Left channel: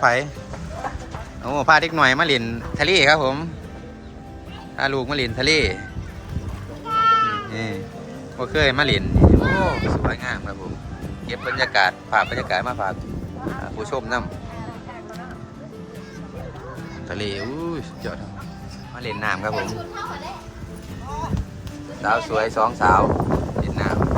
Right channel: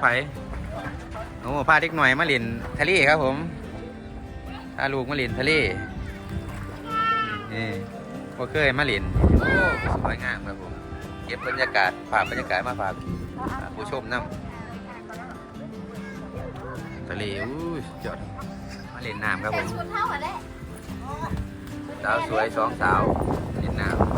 ไผโอ้พาเด็กหน่อยมาเล่นทะเลครับผมพาลูกมาเล่นทะเลนี่บ่เคยมาเล่นโอ้สวยงามครับผม เก็บบรรยากาศฝากบรรยากาศมาฝากผู้ชมน้ำทะเลอู้ยสุดยอดมาเล่นน้ำครับผม สาวสวยสองสาวเล่นน้ำ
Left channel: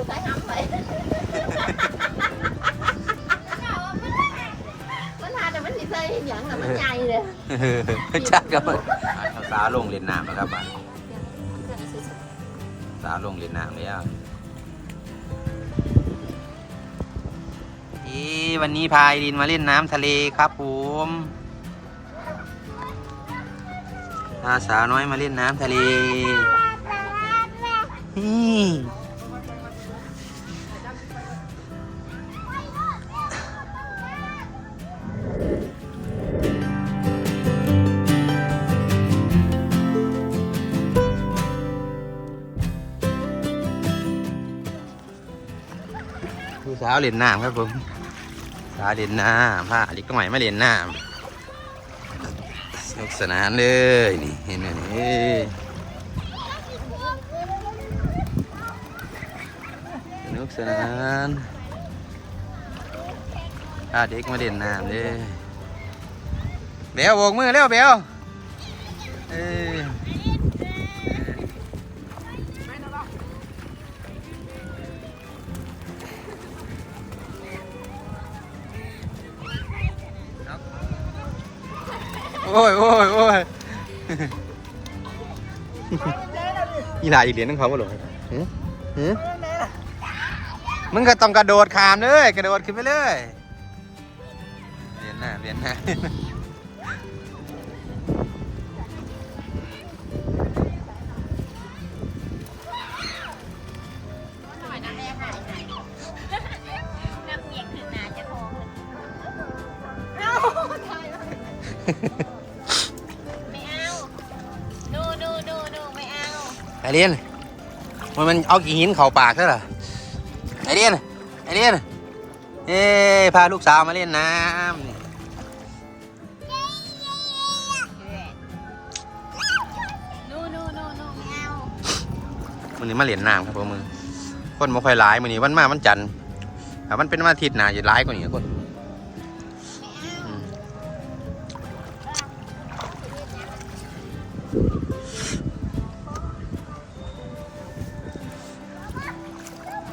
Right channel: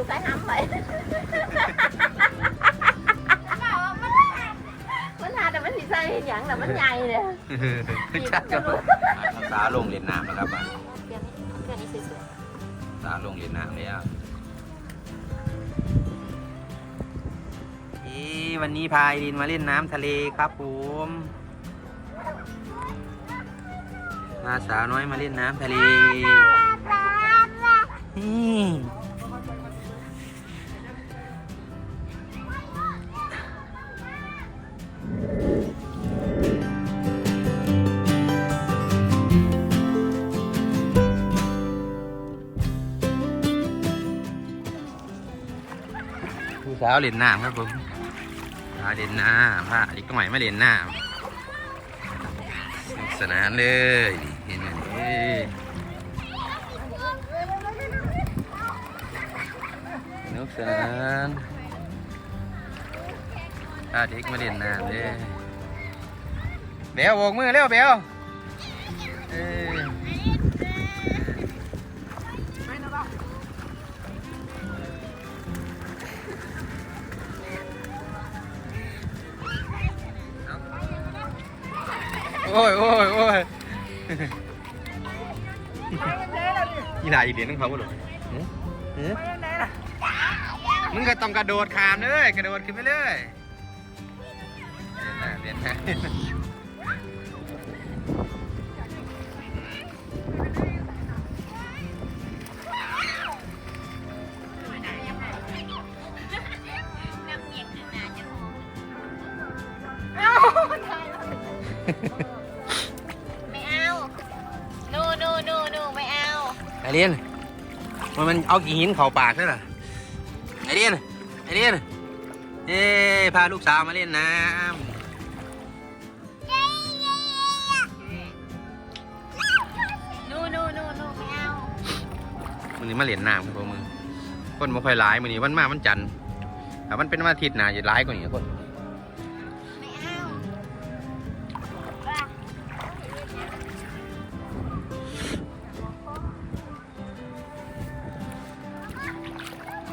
อนมันอยู่ใกล้น้ำไปมันหาแต่มันสิใส่หยังแต่มันใหญ่เลยชักครับอ่าสาวลงเล่นน้ำแล้วครับอะสาวลงเล่นน้ำแล้วอีวันนี้พายดินมาเล่นน้ำทะเลครับผมพาสาวน้อยมาเล่นน้ำทะเล สาวเล่นน้ำครับผมสาวเล่นน้ำพาเด็กก็ใหม่มาเล่นน้ำสนุกสนานเลยนี่นี่นี่สนุกสนานพาเด็กมาเล่นน้ำเลยเบลโบกมือเร็วเบลเออ โอ้ยโอ้ยโอ้ยอีหลาอีเหรียญนั่งเขาบ่หรอหืมหืมมึงก็ต้องกระโดดขามเลยกระโดดขึ้นไปเลยเรียนหน้าเรียนหน้า ไอเรียนมันมันเอากี่หินเข่าปากใช่หรอไอเรียนไอเรียนเอ้พาลูกสาวมาเล่นน้ำนี่มันนี้มาเล่นน้ำครับผมมือคนไม่ค่อยร้ายมือนี้วันมามันจันทร์แต่มันเป็นวันอาทิตย์นะจะร้ายกว่านี้คน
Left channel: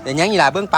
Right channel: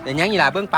เดี๋ยวยังอีหลาเบิ้งป